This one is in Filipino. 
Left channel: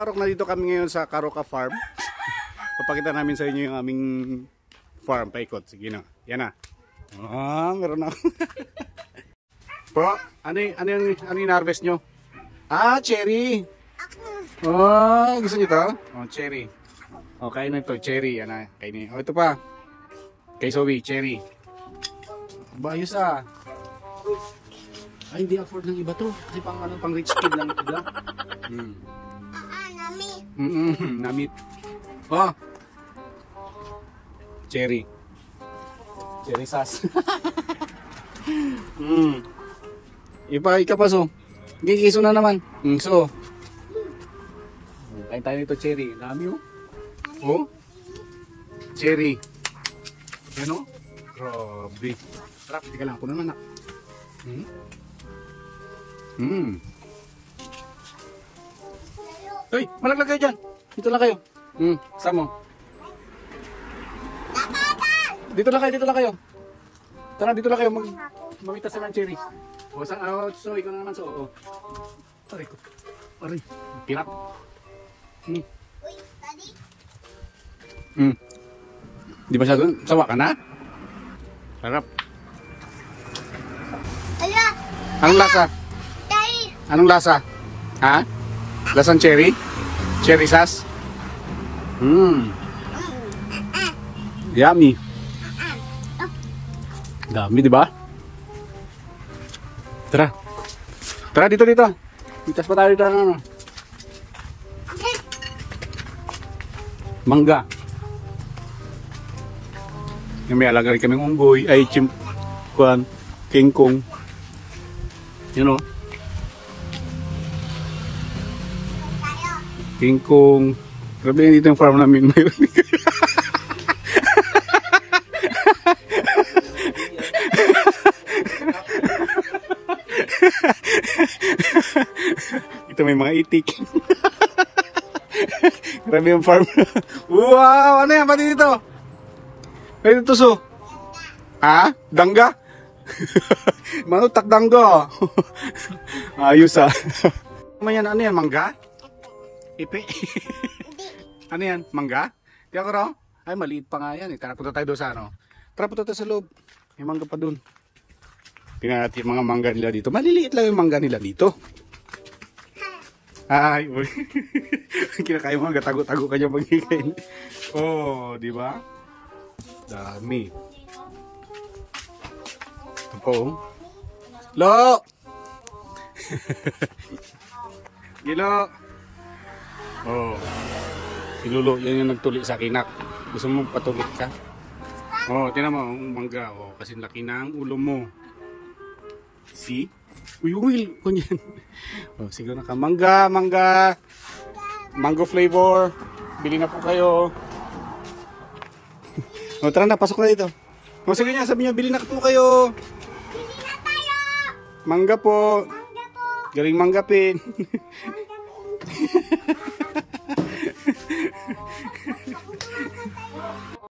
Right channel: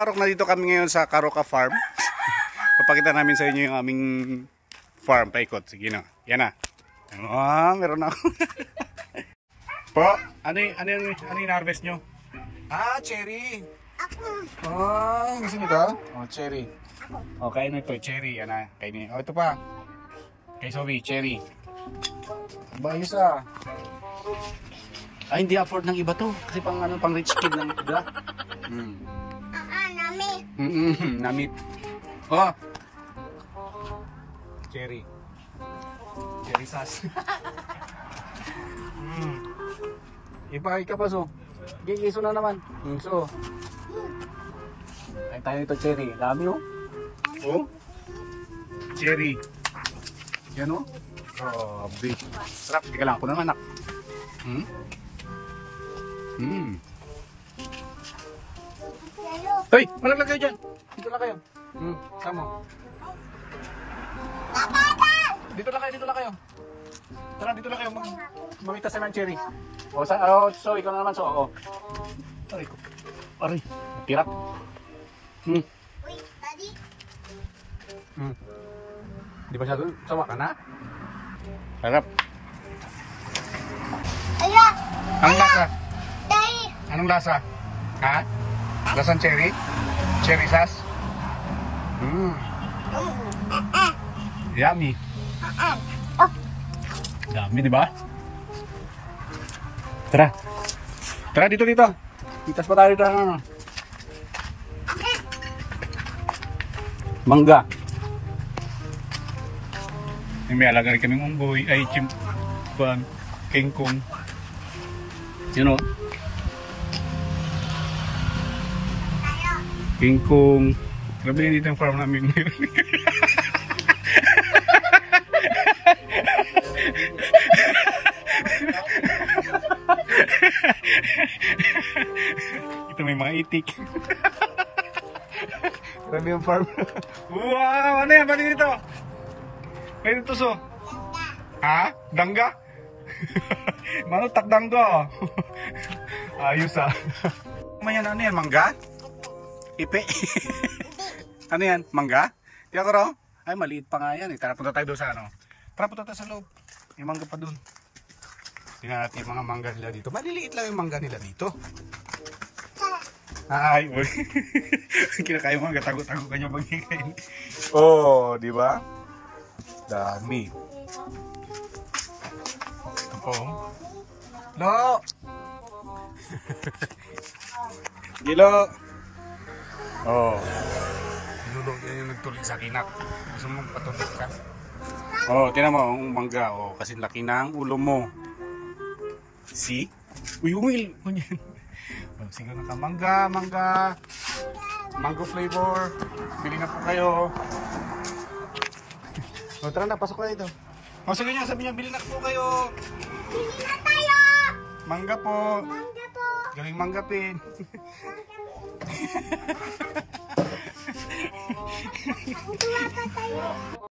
Karok na dito kami ngayon sa Karoka Farm. Papakita namin sa inyo yung aming farm. Paikot. Sige na. Yan na. Meron na ako. Po, ano yung harvest nyo? Cherry. Gusto nyo to? Cherry. Kainin ito. Cherry. Yan na. Kainin. Ito pa. Kay Zoe, cherry. Bayos hindi afford ng iba to. Kasi pang rich kid lang ito. Namit. Cherry. Cherry sauce. Ika pa so. Gigiso na naman. So. Kain tayo nito cherry. Dami Cherry. Yan Grabe. Sarap. Tika lang ako ng anak. Hoy, malaglag kayo dyan. Dito lang kayo. Sama. Dito lang kayo. Tara, dito lang kayo. Mamitas na ng cherry. So, ikaw na naman. Aray ko. Aray. Pirat. Uy, daddy. Di ba siya doon? Sawa ka na? Harap. Ala. Anong lasa? Daddy. Anong lasa? Ha? Lasang cherry? Cherry sauce? Yummy. Dami, di ba? Tara. Tara, dito. Itas pa tayo dito. Mangga. May alaga rin kaming unggoy. Ay, kingkong. Kingkong. Grabe yan dito yung farm namin ngayon. Ito may mga itik. Grabe yung farm. Wow! Ano yan? Pati dito? Pwede tuso? Ha? Dangga? Manutak dangga. Ayos Ano yan? Mangga? Ipe? Ano yan? Mangga? Tiyak ko raw? Ay, maliit pa nga yan. Tara, punta tayo doon sa Tara, punta tayo sa loob. May mangga pa doon. Tingnan natin yung mga mangga nila dito. Maliliit lang yung mangga nila dito. Ay, kinakain mangga. Tago-tago ka niya magiging. Di ba? Dami. Ito po. Lo! Gilo! Pinulo. Yan yung nagtuli sa kinak. Gusto mo patulit ka? Tinan mo. Ang mangga. Kasi laki ng ulo mo. See? Uy. Kunyan. Sige na ka. Mangga. Mango flavor. Bili na po kayo. Tara na, pasok na dito. Sige niya, sabi niyo, bili na po kayo. Bili na tayo. Mangga po. Galing manggapin. Mangga po.